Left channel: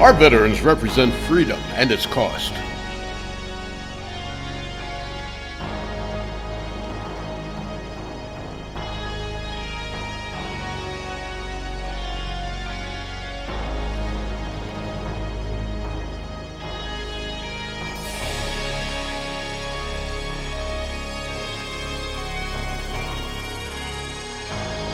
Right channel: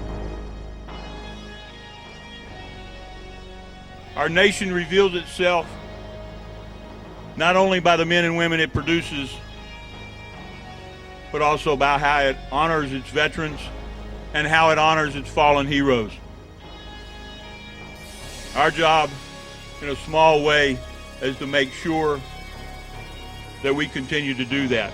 Our veterans represent freedom and its cost. Our nation reveals itself not only by the men and women it produces, but also by how it honors its veterans and how it honors its fallen heroes. Our job, in a small way, is to make sure that we continue to do that.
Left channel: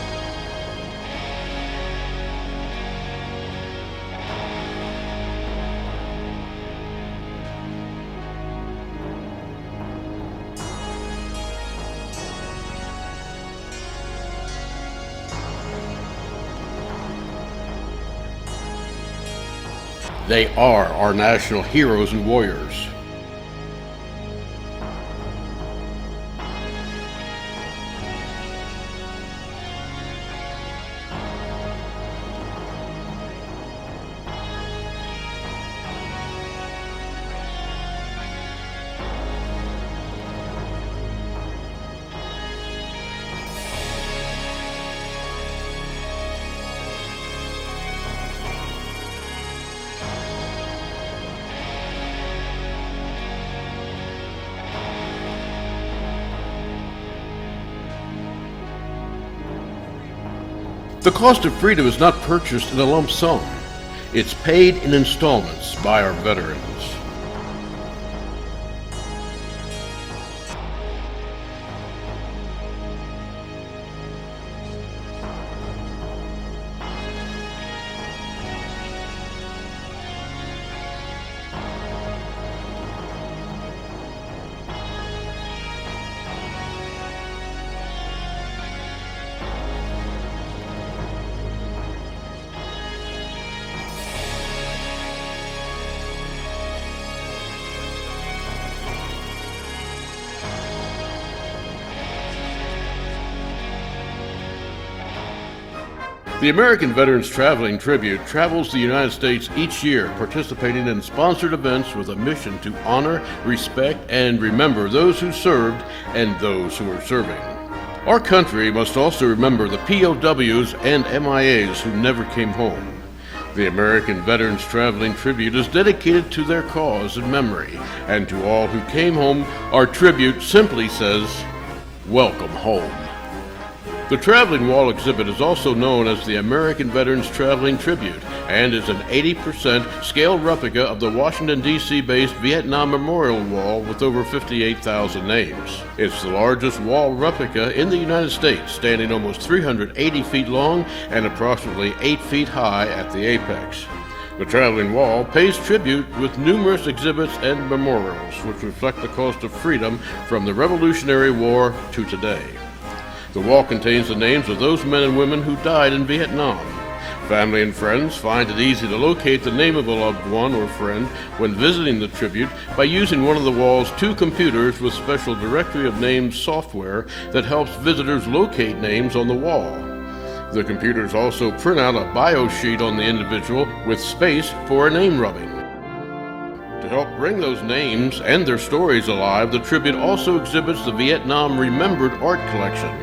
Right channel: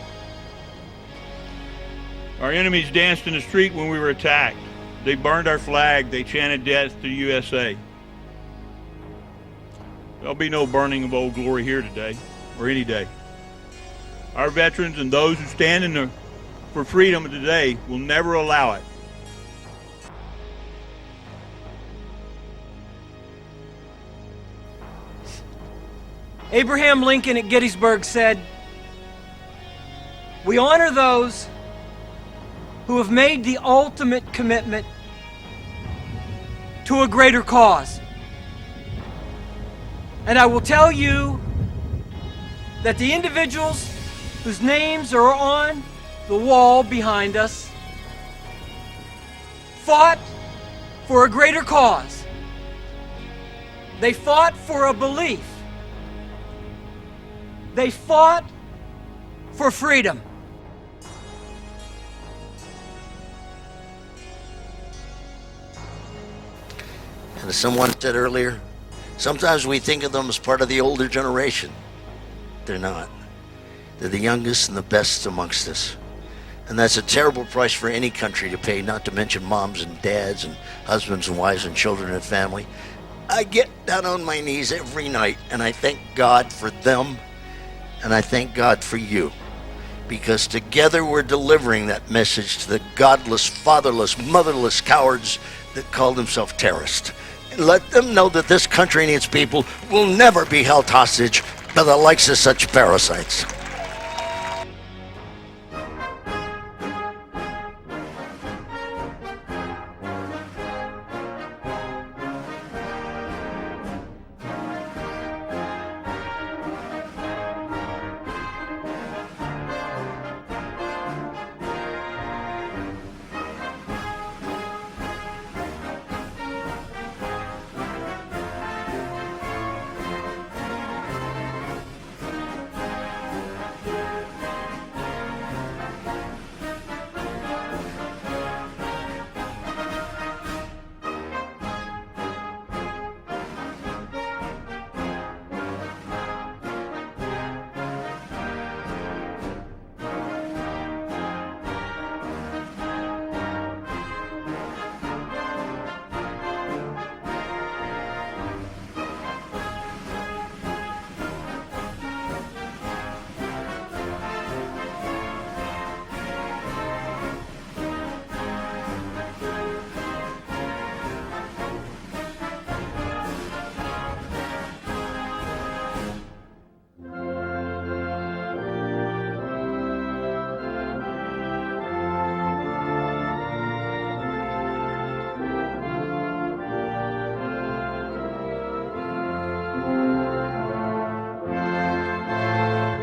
Our enemies danced in the street when we were attacked. They burned our flag. They chanted death to USA. There'll be no burning of Old Glory here today, or any day. Our veterans and those who stand for freedom today will never allow it. They are our national heroes and warriors. Abraham Lincoln at Gettysburg said, "We honor those who have made the ultimate commitment to a greater cause." And I will tell you that the individuals whose names are on the wall behind us fought for a greater cause. They fought for a belief. They fought for freedom. The cost of freedom is not purchased in a lump sum. It's paid in installments by our veterans. As someone said earlier, sometimes we think of them as part of the older generation. They're not. They're the youngest and the best amongst us. And that's a terrible price for any country to pay, not to mention moms and dads and husbands and wives and children and family. I get down on my knees every night and I thank God for them and I thank God for you. Because together we're delivering that message to the godless, fatherless, motherless cowards that call themselves terrorists. Let them know that this country and its people will never be held hostage by the likes of such parasites. The American Veterans Traveling Tribute travels the United States each year, participating in sponsored events with a mission to honor, respect, and remember those who served and those who are serving. Our country must also remember the POWs and MIAs who never came home. The American Veterans Traveling Tribute is dedicated to their cause and memory, and to all who came home, our tribute simply says, "Welcome home." The Traveling Wall exhibit is also known as the American Veterans Traveling Tribute and is an 80% scale replica of the Washington, D.C.-based Vietnam Memorial Wall with over 58,000 names. It's the largest wall replica in the United States, standing almost 380 feet long and approximately 8 feet high at the apex. The Traveling Wall pays tribute with numerous exhibits and memorials, which reflect the cost of freedom from the Revolutionary War to today. The wall contains the names of those men and women who died in Vietnam. Family and friends find it easy to locate the name of a loved one or friend when visiting the tribute by using one of the wall's 2 computers with special directory of names software that helps visitors locate names on the wall. The computers also print out a bio sheet on the individual with space for a name rubbing. To help bring those names and their stories alive, the tribute also exhibits the Vietnam Remembered Art Collection.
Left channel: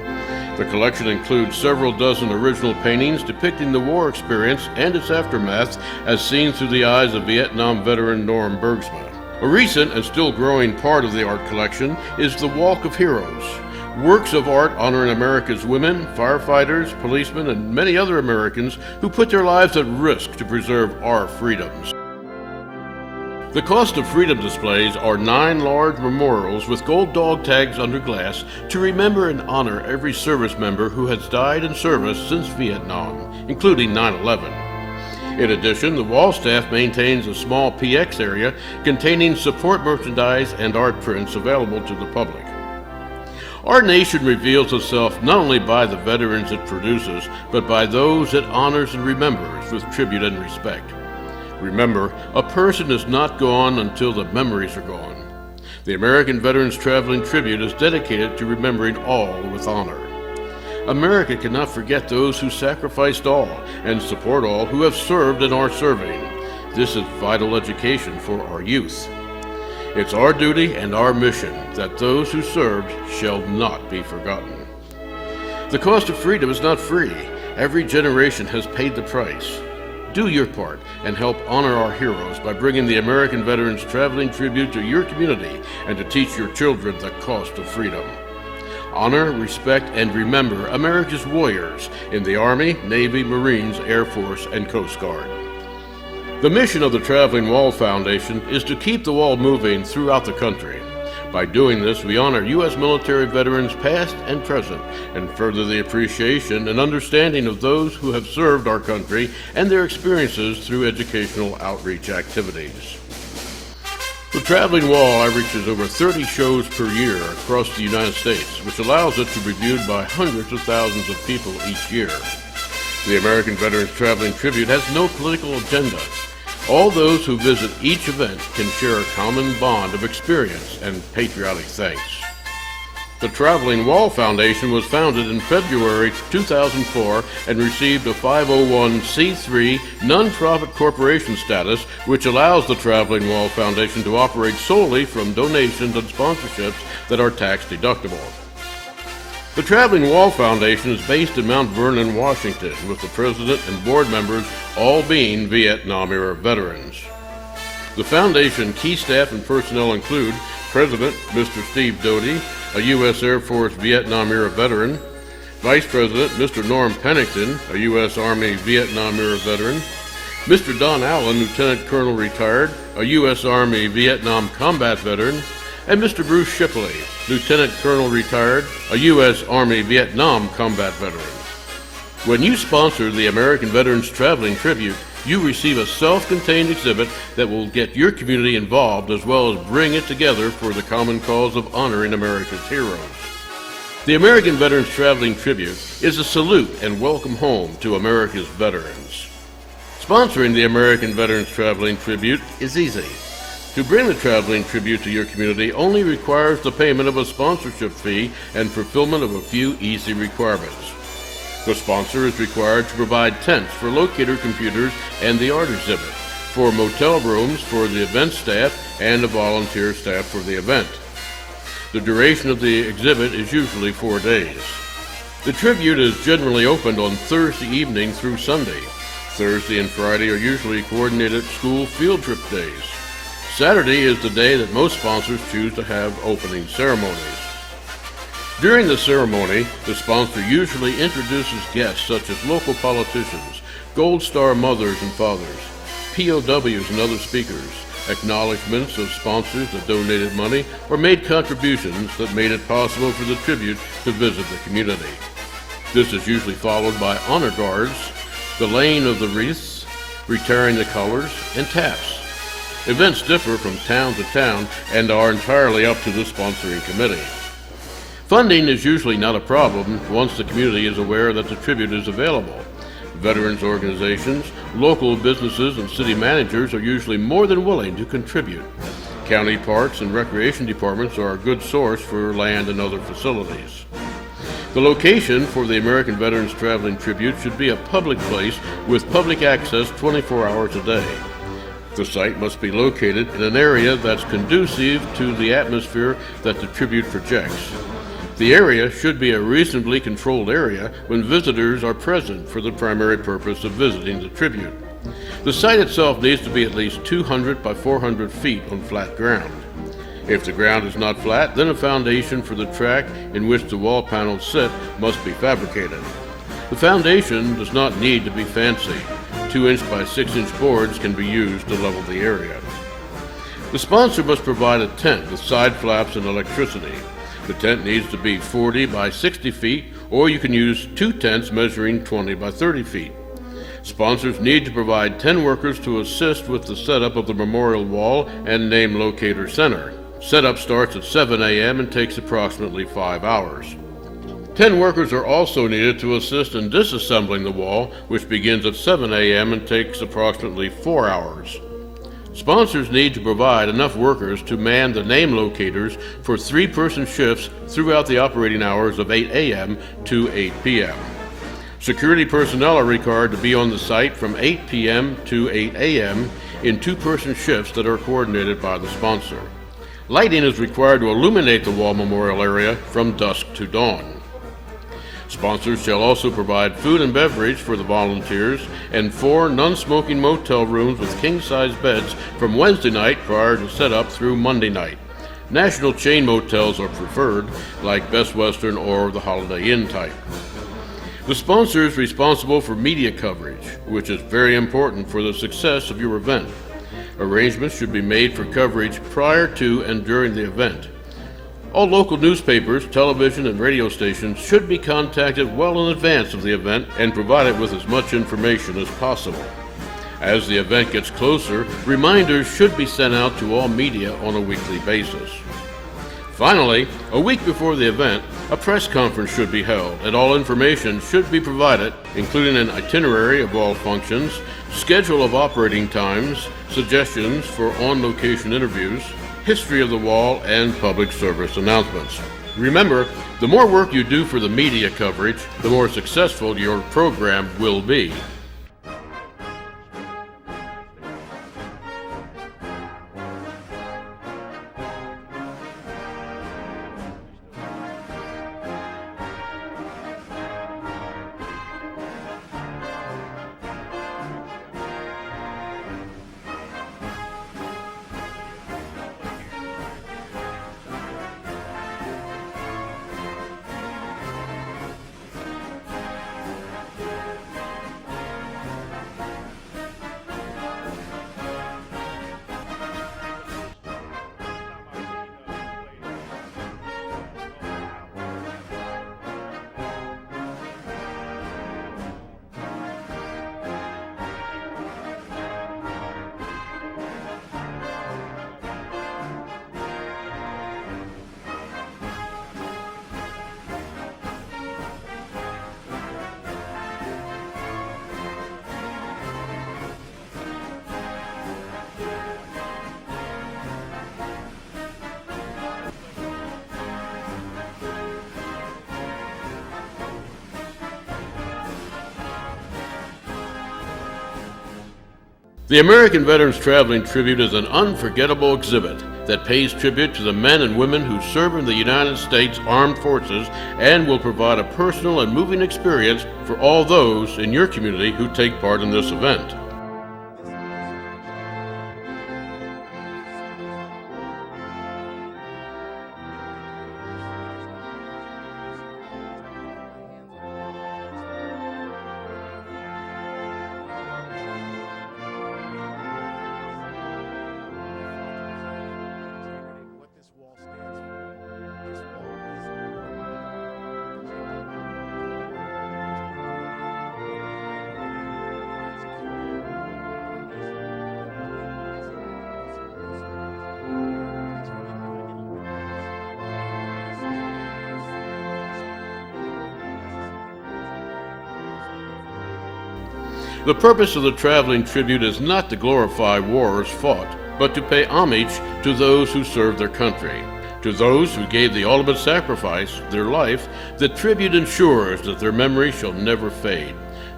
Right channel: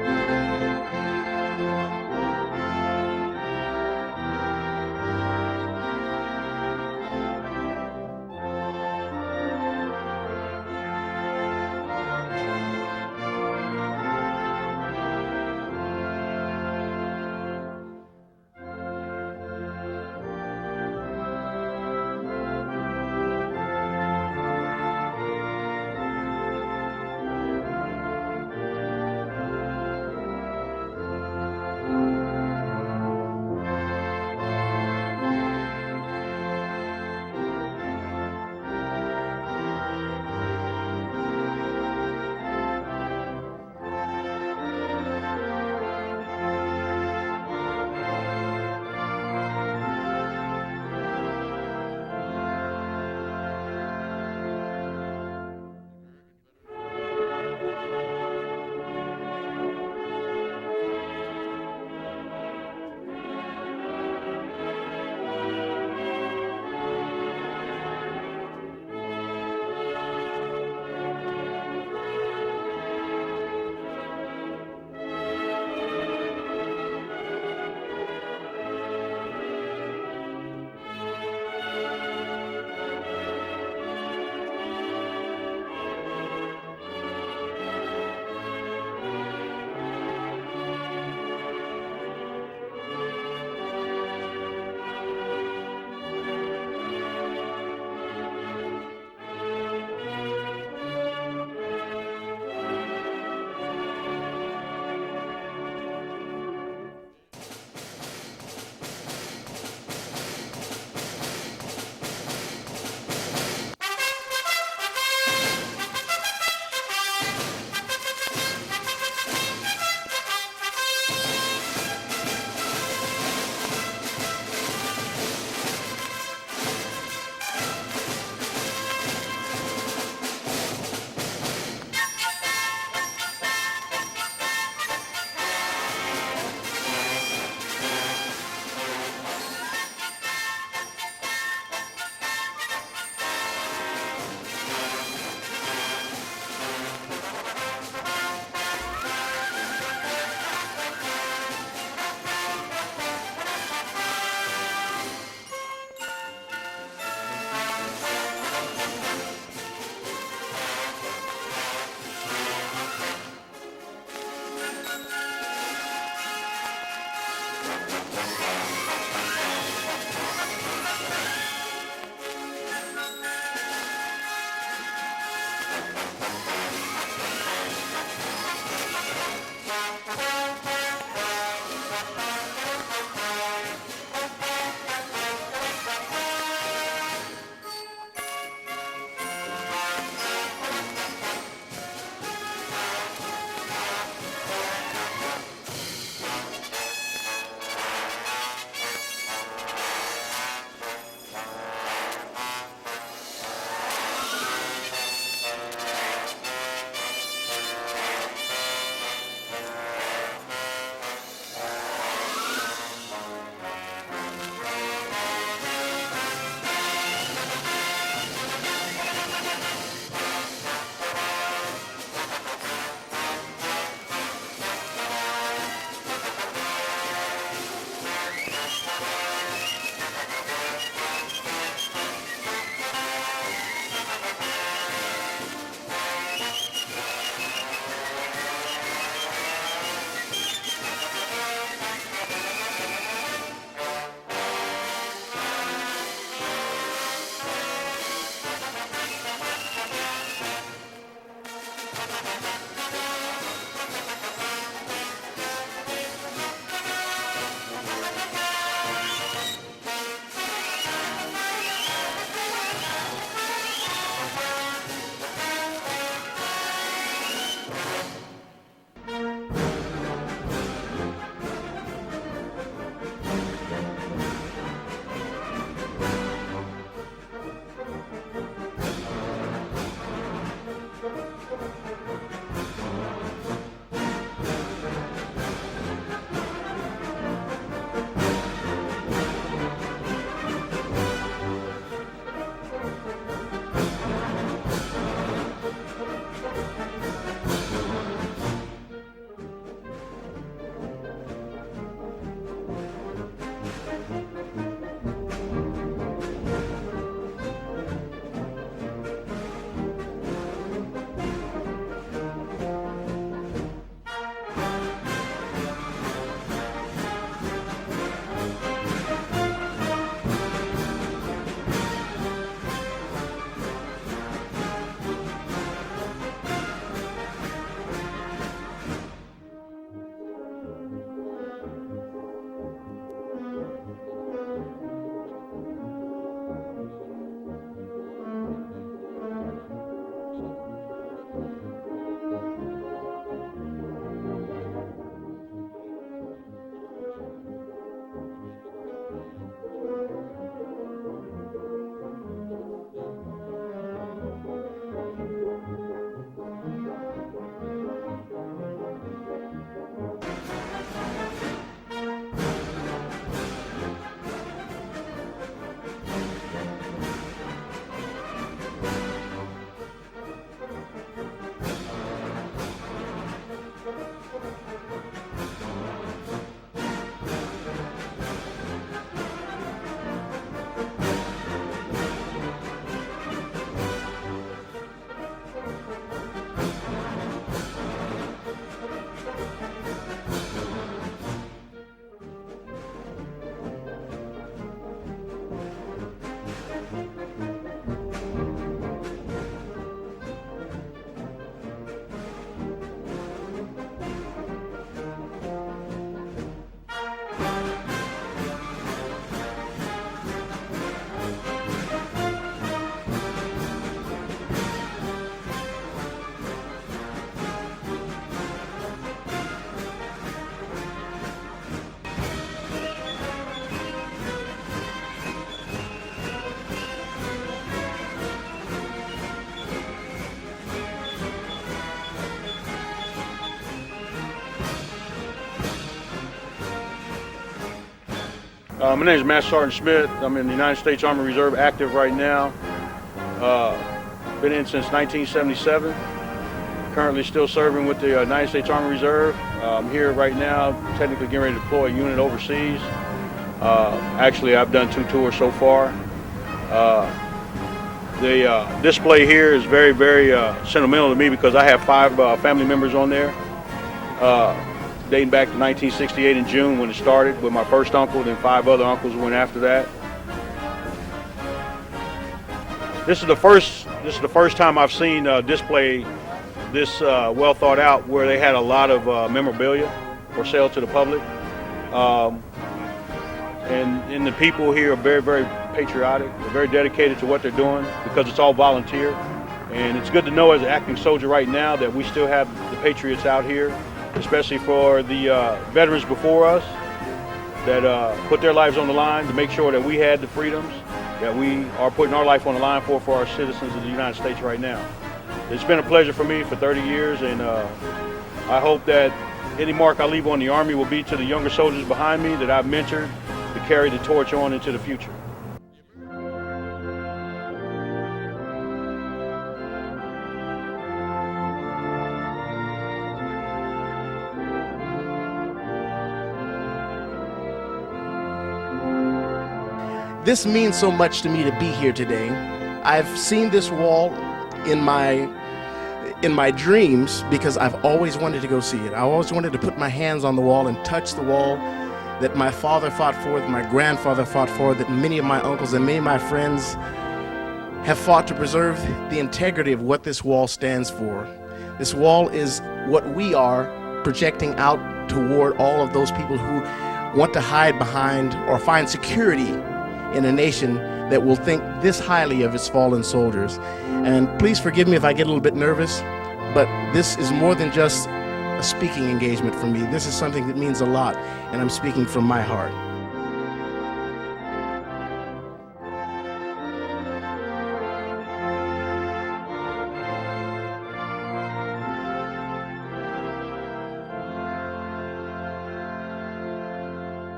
The collection includes several dozen original paintings depicting the war experience and its aftermath as seen through the eyes of Vietnam veteran Norm Bergsman. A recent and still growing part of the art collection is the Walk of Heroes, works of art honoring America's women, firefighters, policemen, and many other Americans who put their lives at risk to preserve our freedoms. The cost of freedom displays are 9 large memorials with gold dog tags under glass to remember and honor every service member who has died in service since Vietnam, including 9/11. In addition, the wall staff maintains a small PX area containing support merchandise and art prints available to the public. Our nation reveals itself not only by the veterans it produces, but by those it honors and remembers with tribute and respect. Remember, a person is not gone until the memories are gone. The American Veterans Traveling Tribute is dedicated to remembering all with honor. America cannot forget those who sacrificed all and support all who have served and are serving. This is vital education for our youth. It's our duty and our mission that those who served shall not be forgotten. The cost of freedom is not free. Every generation has paid the price. Do your part and help honor our heroes by bringing the American Veterans Traveling Tribute to your community and to teach your children the cost of freedom. Honor, respect, and remember America's warriors in the Army, Navy, Marines, Air Force, and Coast Guard. The mission of the Traveling Wall Foundation is to keep the wall moving throughout the country. By doing this, we honor U.S. military veterans past and present and further the appreciation and understanding of those who have served our country and their experiences through educational outreach activities. The Traveling Wall averages over 30 shows per year across the United States, which allows it to be viewed by hundreds of thousands of people each year. The American Veterans Traveling Tribute has no political agenda. All those who visit each event can share a common bond of experience and patriotic thanks. The Traveling Wall Foundation was founded in February 2004 and received a 501c3 nonprofit corporation status, which allows the Traveling Wall Foundation to operate solely from donations and sponsorships that are tax deductible. The Traveling Wall Foundation is based in Mount Vernon, Washington, with the president and board members all being Vietnam-era veterans. The foundation key staff and personnel include President Mr. Steve Doty, a U.S. Air Force Vietnam-era veteran, Vice President Mr. Norm Pennington, a U.S. Army Vietnam-era veteran, Mr. Don Allen, Lieutenant Colonel retired, a U.S. Army Vietnam combat veteran, and Mr. Bruce Shipley, Lieutenant Colonel retired, a U.S. Army Vietnam combat veteran. When you sponsor the American Veterans Traveling Tribute, you receive a self-contained exhibit that will get your community involved as well as bring it together for the common cause of honoring America's heroes. The American Veterans Traveling Tribute is a salute and welcome home to America's veterans. Sponsoring the American Veterans Traveling Tribute is easy. To bring the Traveling Tribute to your community only requires the payment of a sponsorship fee and fulfillment of a few easy requirements. The sponsor is required to provide tents for locator computers and the art exhibit, for motel rooms for the event staff, and a volunteer staff for the event. The duration of the exhibit is usually 4 days. The tribute is generally opened on Thursday evening through Sunday. Thursday and Friday are usually coordinated school field trip days. Saturday is the day that most sponsors choose to have opening ceremonies. During the ceremony, the sponsor usually introduces guests such as local politicians, Gold Star mothers and fathers, POWs and other speakers, acknowledgments of sponsors that donated money or made contributions that made it possible for the tribute to visit the community. This is usually followed by honor guards, the laying of the wreaths, retiring the colors, and taps. Events differ from town to town and are entirely up to the sponsoring committee. Funding is usually not a problem once the community is aware that the tribute is available. Veterans organizations, local businesses, and city managers are usually more than willing to contribute. County parks and recreation departments are a good source for land and other facilities. The location for the American Veterans Traveling Tribute should be a public place with public access 24 hours a day. The site must be located in an area that's conducive to the atmosphere that the tribute projects. The area should be a reasonably controlled area when visitors are present for the primary purpose of visiting the tribute. The site itself needs to be at least 200 by 400 feet on flat ground. If the ground is not flat, then a foundation for the track in which the wall panels sit must be fabricated. The foundation does not need to be fancy. 2-inch by 6-inch boards can be used to level the area. The sponsor must provide a tent with side flaps and electricity. The tent needs to be 40 by 60 feet, or you can use 2 tents measuring 20 by 30 feet. Sponsors need to provide 10 workers to assist with the setup of the memorial wall and name locator center. Setup starts at 7 a.m. and takes approximately 5 hours. 10 workers are also needed to assist in disassembling the wall, which begins at 7 a.m. and takes approximately 4 hours. Sponsors need to provide enough workers to man the name locators for 3-person shifts throughout the operating hours of 8 a.m. to 8 p.m. Security personnel are required to be on the site from 8 p.m. to 8 a.m. in 2-person shifts that are coordinated by the sponsor. Lighting is required to illuminate the wall memorial area from dusk to dawn. Sponsors shall also provide food and beverage for the volunteers and 4 non-smoking motel rooms with king-size beds from Wednesday night prior to setup through Monday night. National chain motels are preferred, like Best Western or the Holiday Inn type. The sponsor is responsible for media coverage, which is very important for the success of your event. Arrangements should be made for coverage prior to and during the event. All local newspapers, television, and radio stations should be contacted well in advance of the event and provided with as much information as possible. As the event gets closer, reminders should be sent out to all media on a weekly basis. Finally, a week before the event, a press conference should be held, and all information should be provided, including an itinerary of all functions, schedule of operating times, suggestions for on-location interviews, history of the wall, and public service announcements. Remember, the more work you do for the media coverage, the more successful your program will be. My name is Master Sergeant Smith. I'm in the United States Army Reserve, active right now. Been in since 1977. Currently still serving with the United States Army Reserve. I'm here right now, technically getting ready to deploy a unit overseas. Actually, I've done 2 tours so far. The display here is very, very sentimental to me because I have 5 family members on there. Dating back to 1968 in June when it started with my first uncle, then 5 other uncles went after that. This is the first time I've seen a display this well thought out, where they had a lot of memorabilia for sale to the public. And the people here are very, very patriotic, very dedicated to what they're doing because it's all volunteer. And it's good to know as an active soldier right now that we still have the patriots out here, especially for the veterans before us that put their lives on the line to make sure that we had the freedoms that we are putting our life on the line for our citizens in the United States right now. It's been a pleasure for me for 30 years, and I hope that any mark I leave on the Army will be to the younger soldiers behind me that I've mentored to carry the torch on into the future. The American Veterans Traveling Tribute is an unforgettable exhibit that pays tribute to the men and women who serve in the United States Armed Forces and will provide a personal and moving experience for all those in your community who take part in this event. This means so much to me to be here today. I've seen this wall in my dreams because I've always wanted to go see it. I always wanted to put my hands on the wall and touch the wall that my father fought for, that my grandfather fought for, that many of my uncles and many of my friends have fought to preserve the integrity of what this wall stands for. This wall is what we are projecting out toward all of those people who want to hide behind or find security in a nation that will think this highly of its fallen soldiers. And please forgive me if I get a little bit nervous, but this is more than just a speaking engagement for me. This is something that means a lot, and I'm speaking from my heart. The purpose of the traveling tribute is not to glorify wars fought, but to pay homage to those who served their country. To those who gave the ultimate sacrifice, their life, the tribute ensures that their memory shall never fade.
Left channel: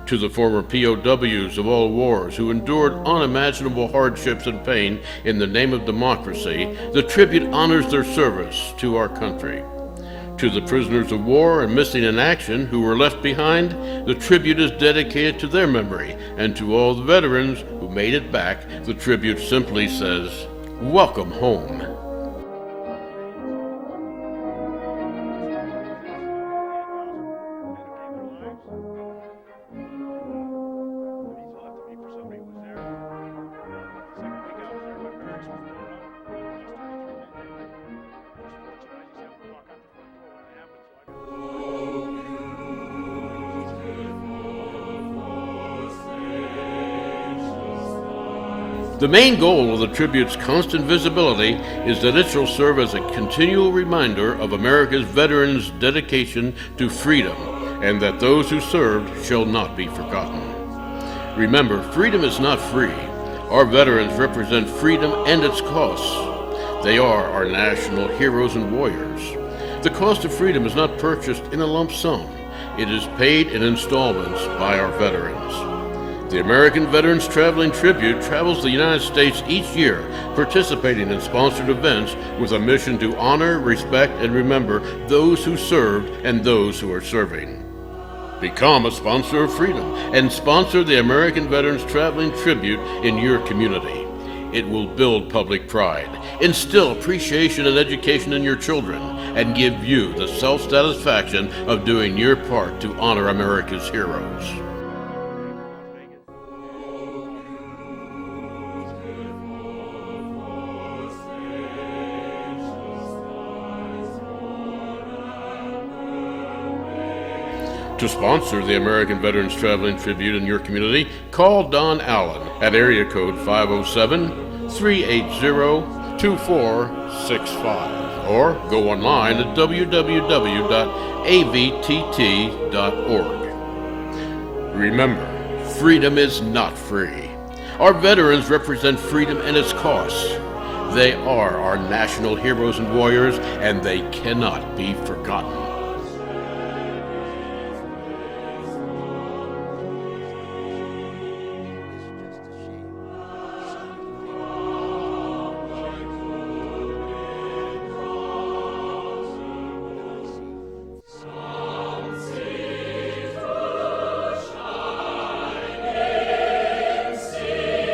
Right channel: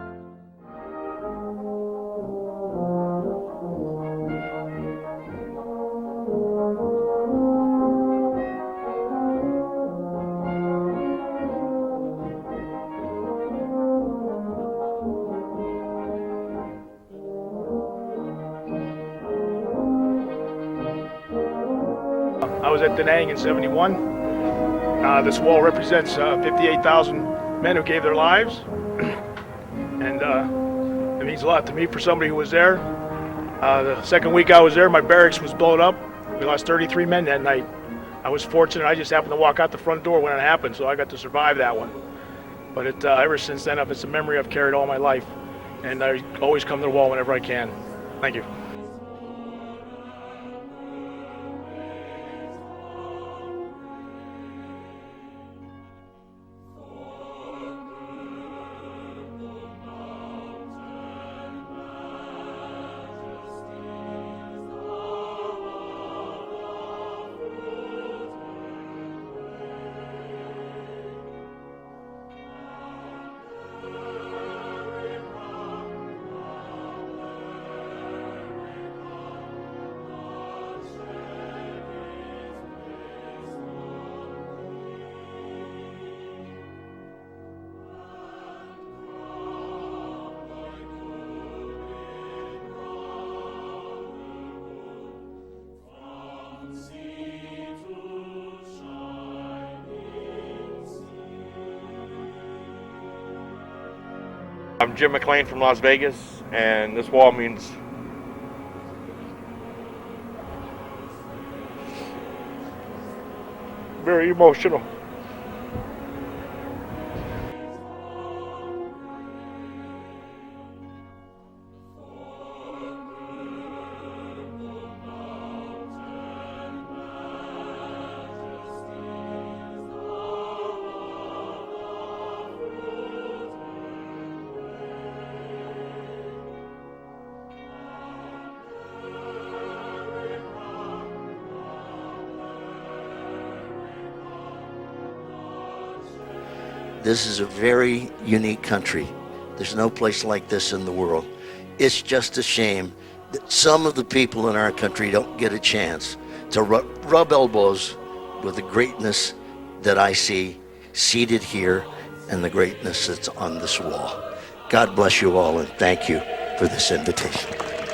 To the former POWs of all wars who endured unimaginable hardships and pain in the name of democracy, the tribute honors their service to our country. To the prisoners of war and missing in action who were left behind, the tribute is dedicated to their memory. And to all the veterans who made it back, the tribute simply says, welcome home. I was at Da Nang in '71. This wall represents 58,000 men who gave their lives. And it means a lot to me for somebody who was there. The second week I was there, my barracks was blown up. We lost 33 men that night. I was fortunate, I just happened to walk out the front door when it happened, so I got to survive that one. But ever since then, it's a memory I've carried all my life. And I always come to the wall whenever I can. Thank you. The main goal of the tribute's constant visibility is that it shall serve as a continual reminder of America's veterans' dedication to freedom, and that those who served shall not be forgotten. Remember, freedom is not free. Our veterans represent freedom and its costs. They are our national heroes and warriors. The cost of freedom is not purchased in a lump sum. It is paid in installments by our veterans. The American Veterans Traveling Tribute travels the United States each year, participating in sponsored events with a mission to honor, respect, and remember those who served and those who are serving. Become a sponsor of freedom and sponsor the American Veterans Traveling Tribute in your community. It will build public pride, instill appreciation and education in your children, and give you the self-satisfaction of doing your part to honor America's heroes. I'm Jim McLean from Las Vegas, and this wall means very emotional. To sponsor the American Veterans Traveling Tribute in your community, call Don Allen at area code 507-380-2465 or go online at www.avtt.org. Remember, freedom is not free. Our veterans represent freedom and its costs. They are our national heroes and warriors, and they cannot be forgotten. This is a very unique country. There's no place like this in the world. It's just a shame that some of the people in our country don't get a chance to rub elbows with the greatness that I see seated here and the greatness that's on this wall. God bless you all, and thank you for this invitation.